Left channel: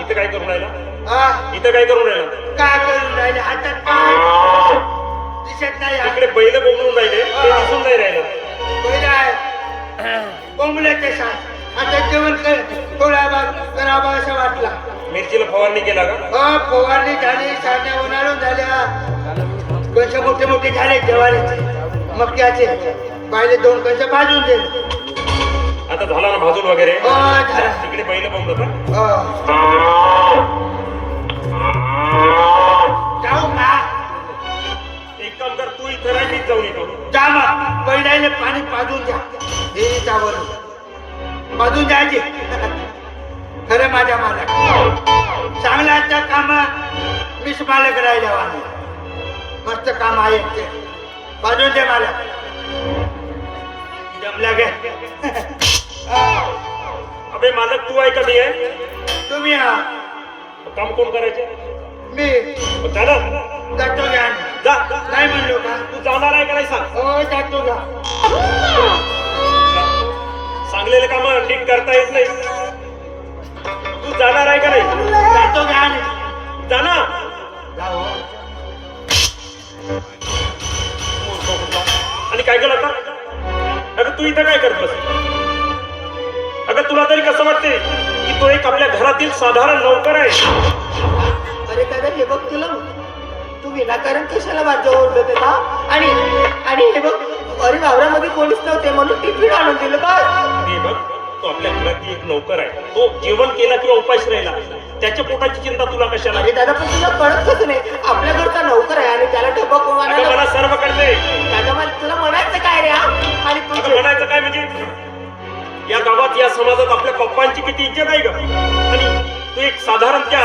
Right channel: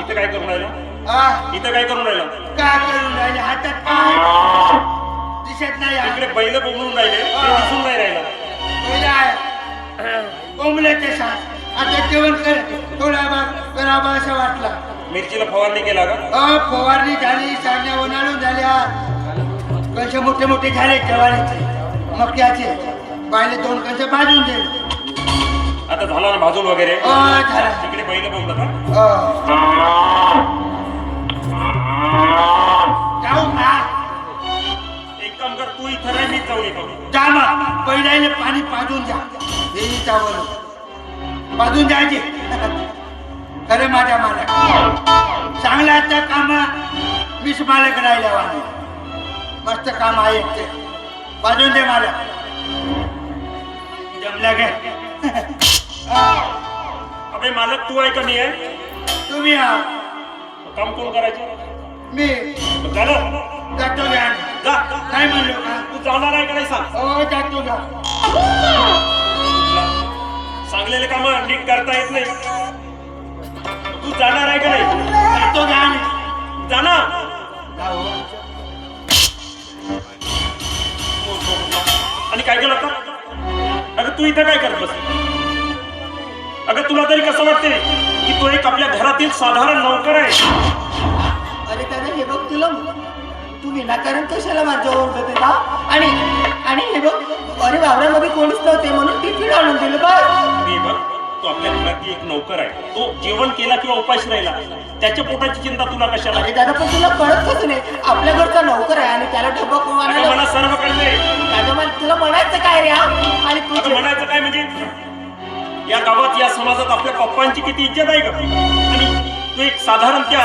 इथे काय करून राहिला? हा इथे काय करून राहिला? काय करून राहिले हातात काय दिसत नाही इकडे बैल बोंबलून राहिले ते दिसून नाही राहिलं. पहिला आहे कोंबल्याचे साथ आता जेवण कर थोडा भाग करावा असं वाटला. मिरचीला फवारणी केला का? फवारणी झाली साड्या उन्हाळून झाल्या कंच मोठे मोठे झाले ज्वारीचे मक्याचे बायले 2 कंच भाजून दिले. आता झाला ना भाजून वगैरे? झाला तिकडे बैल बोंबतात. जाऊ का एक काम कर, तू इथं नाही, मीच जाऊन येतो. जा मग बैलाने पाणी पाजून द्या देवीच्यावर पाजून द्यायचे. खरं माझ्या मालक चांगल्याचं काम मीच मालक राहिल्या वाणी मस्त काम आहे ते पाजून दे मालक. जमला गे अबे मालक तू आहे का मी आहे? तुम्ही काम कोण करायचे? मी झालं जातो घ्या जा. काय म्हणलो का तू जाणार आहे का नाही सांग. हो जातो घ्या सांगलेलं काम नीट करता येत नाही. तू जाणार आहे का नाही? जातो घ्या जा ना. आणि काय केलं आता? अगं तू इथे काय करत बस? अगं तुला तरी कसं वाटते की तो एक आपल्या घरातील साधारण नौकर आहे? अरे दादा हे बघ तुला तू विनाकारण कशाला माझ्या ओरडत का? आणि हे बघ अरे वावरामध्ये कोणीच नव्हते म्हणून टिफिन आणून दिलं बघ. हे बघ, तो आपल्या घरातील एक नौकर आहे. तो जेवण केला किंवा उपाशी राहिला त्याच्या पोटाची चिंता तुला कशाला? अरे दादा पण तुला कळतच नाही आपल्या घरचा नोकर आहे आणि त्याला डब्बा कोण अगं आणायला. मला सर्व कळले. दादा मला तुला म्हणायचं काय रे हा? आणि तू अगं म्हणायचं काय म्हणजे या गावात या समाजात आपल्या पप्पांची किती इज्जत आहे का? आणि तू एक साधारण त्या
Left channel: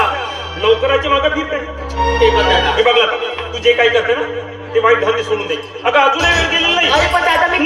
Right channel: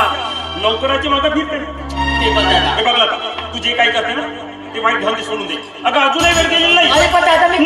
नौकराची मागे फिरते. ते बघ दादा. हे बघला तू जे काय करते ना ते वाईट धंदे सोडून दे. अगं अजूनही वेळ गेलेला नाही. अरे पण दादा मी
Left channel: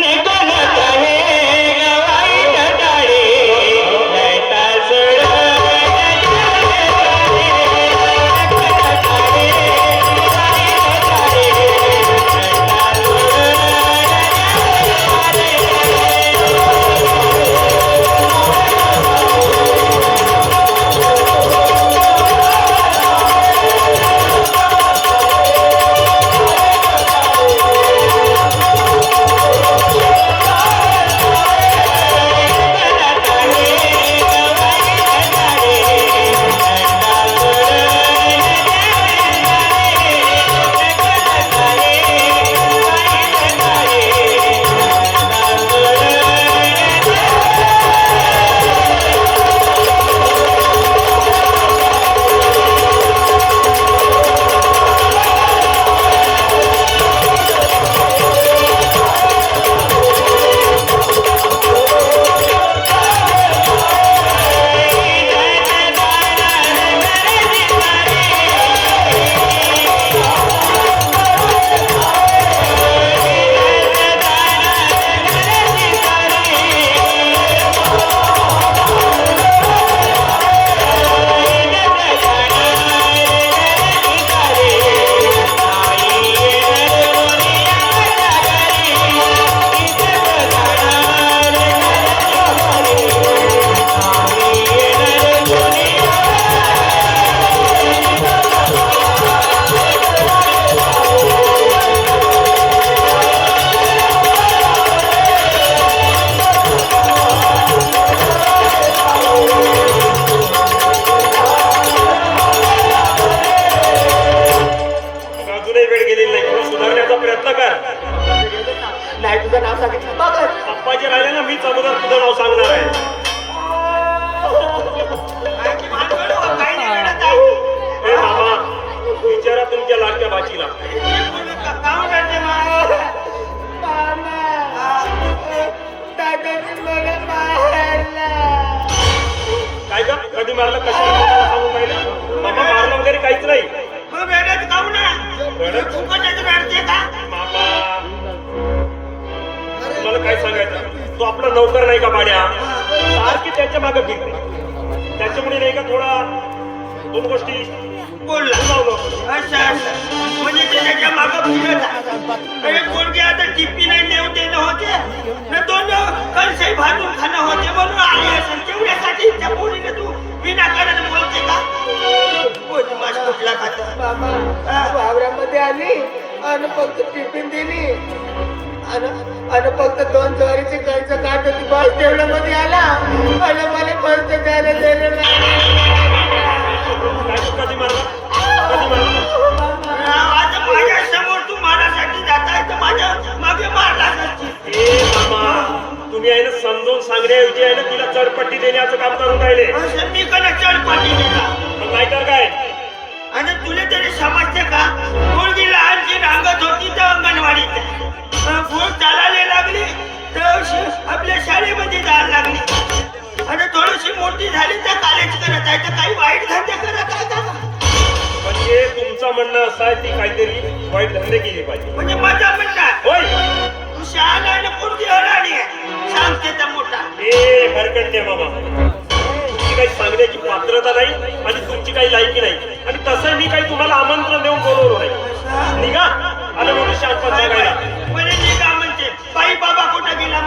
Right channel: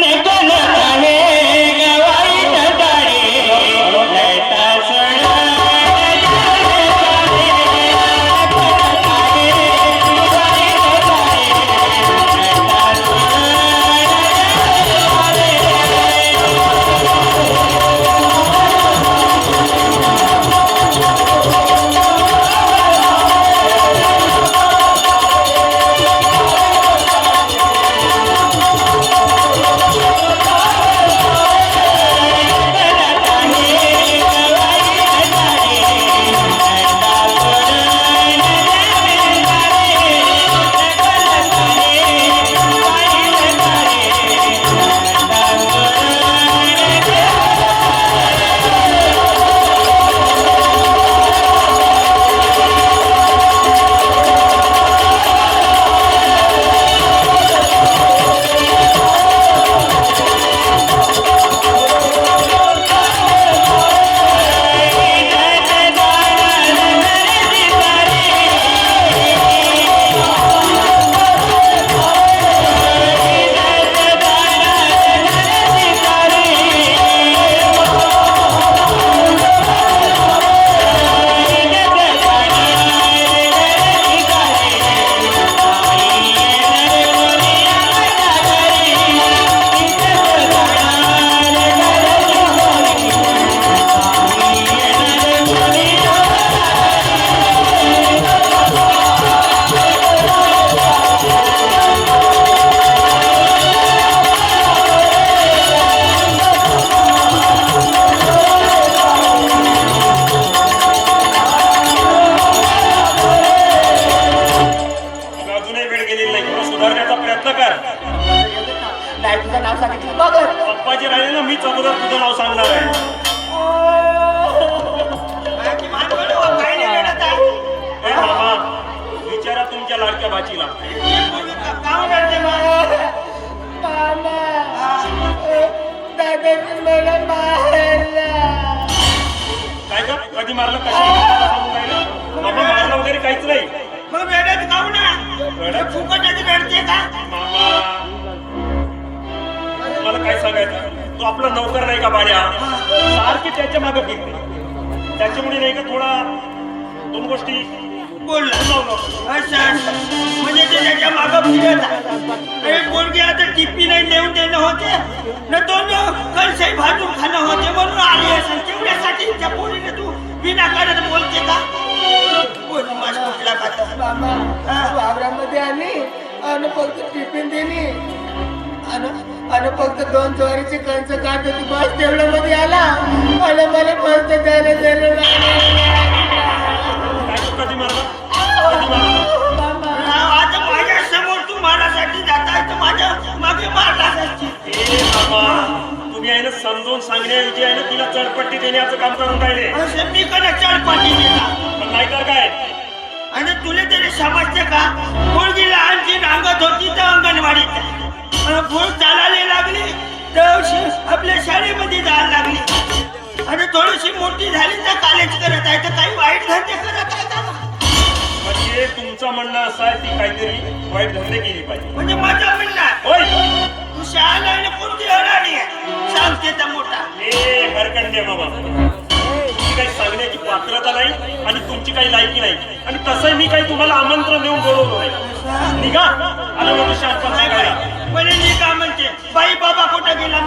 अजूनही वेळ गेलेली नाही. तुला सुधारण्याचा प्रयत्न कर. नाही तुझं नाव सांगितलं बघ. पप्पाचे राहिले ना मीच अगोदर तुझं नाव सांगणार आहे. ए मामा विचारा तुमच्या लाडक्या भाचीला. काय का कधी मारलं कशाला सांगून राहिलं? आम्ही मारलं वगैरे काहीच नाही. मला काय सांगायचं, तो आपला नौकर नाही का बाड्या, सारखी त्याच्या मागे फिरते. त्याच्यामुळे नाही का थोडा 2 गोष्टी बोलला म्हणजे त्याच्या मागं फिरत अरे कोणते आता टिप्पी नाही देऊ देणं होते न दोन कणसे भाजून खाणं होते म्हणून आली असेल तेवढ्यासाठी त्या पोरीने तू विनाकारण बोलते का? मामा वावरामध्ये आली आणि फक्त टिफिन दिली आणि फक्त 2 ज्वारीचे कंच काढत होती बस तेवढ्यामध्ये आला आणि मला परत जायला दिलं कधी मारला कधी मारला आता माझ्या समोर तू मारासाठी जाताय तर माझ्या मागे मारलाच असशील. ए मामा तुम्ही आहे ना समजून सांगण्याऐवजी आहे ना तिला चढपट्टी देण्याचं काम करून राहिले असं मी कडे चढपटी देता पण नाही का काय आणि तुला तरी समजते का मुलगीला आणखी रागत होती तर अंगणवाडीत फूल चालायला लागली तर आपल्या शाळेमध्ये जायला लागली आणि थोडीशी मोठी झाली तर कॉलेज करत आहे तर काही वाईट धंदे करत आहे का म्हणजे तुमचं म्हणणं असं आहे ती काहीतरी वाईट धंदे केले पाहिजे म्हणजे माझं म्हणणं होय तू शाळा आणि कोणती अडाणी आहे सांगते तर मोठा ए हरकत नाही बाबा तुमची काही सांगण्याची पात्रता नाही आणि तुमची काही लायकी नाही आणि तसं मी काही तुम्हाला आमंत्रण देऊन बोलवलं नाही निघा आलं म्हणजे शांत सांगायला म्हणे मी का म्हणते बाई बाबा कुठं गेला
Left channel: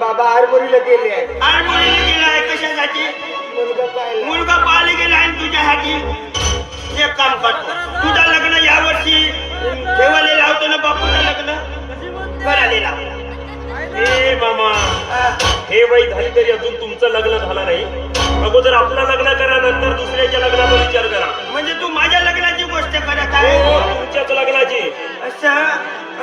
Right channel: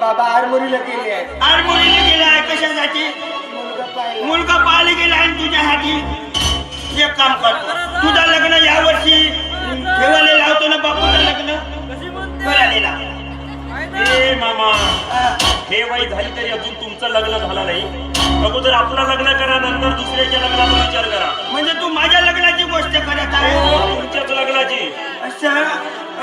बाबा आरमोरीला गेले आहे आरमोरीला गेला आहे कशासाठी मुलगा पाहिला मुलगा पाहायला गेला आणि तुझ्यासाठी एक काम कर तुझं लग्न यावर्षी ठेवायला लावतो ना बापूला लग्न करायला लाव. ए मामा हे वय झाली तरी अजून तुमचं लग्न झालं नाही अगोदर आपलं लग्न करा नंतर दुसऱ्याच्या लग्नाचा विचार करा म्हणजे तू माझ्या लग्नाची गोष्ट करत हो आहे तुमच्याच लग्नाची असं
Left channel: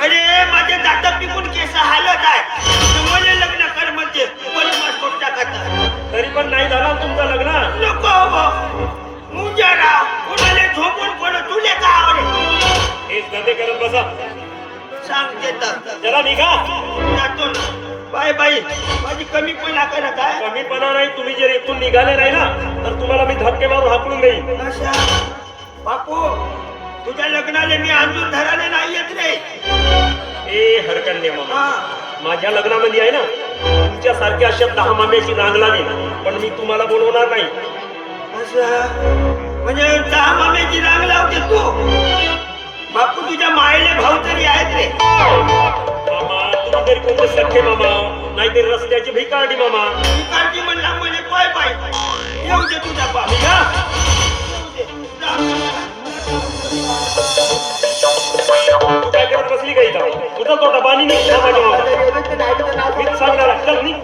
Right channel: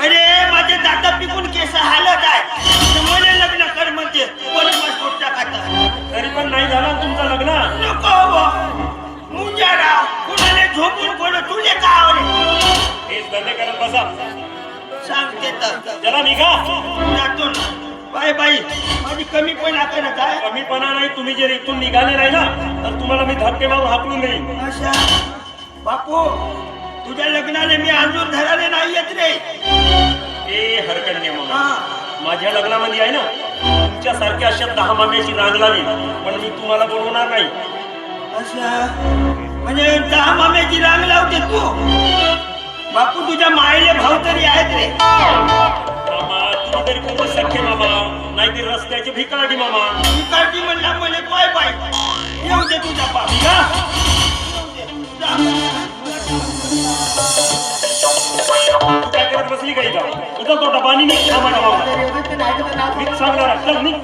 अरे माझे दात पिकून केस हालत आहे तर मला लग्न कर म्हणते बरोबर टाकत तरी पण नाही झालं तुमचं लग्न नको मुंजारा कुणाला झोपून कोण तुले का आवडे हेच धंदे करत बसा सांगते तर जरा निघा जातो ना. बाय बाई माझी कमीपणा करत आहे कमीपणा नाही तुम्ही जर इथून निघाले नाही ना तर तुम्हाला मी धक्के मारून हाकलून देईन अशा बापू तुझ्या लग्नाला मी अजून धराले नाही येत रे ए हरकत नाही मामा हा. माझ्या लग्नामध्ये आहे ना तुमच्यासारख्या अशा 10 माम्याची नांग लागेल पण मी तुम्हाला बोलवणार नाही असं म्हणजे 10 माम्याची राग लावते तू बापू तुझ्या मायले भाऊ तरी आहेत रे मामा तुम्ही तरी कोणते सख्खे मामा नाहीतर रस्त्याची भिकारडी मामा इकडची म्हणला म्हणे पाय पाय येऊ दे तुझा बाप निघा येऊ दे. जा. तू काय करत बसली का इथं तुझा तो डबानी निघ माझ्या नाही तर मी सांगणार चल निघ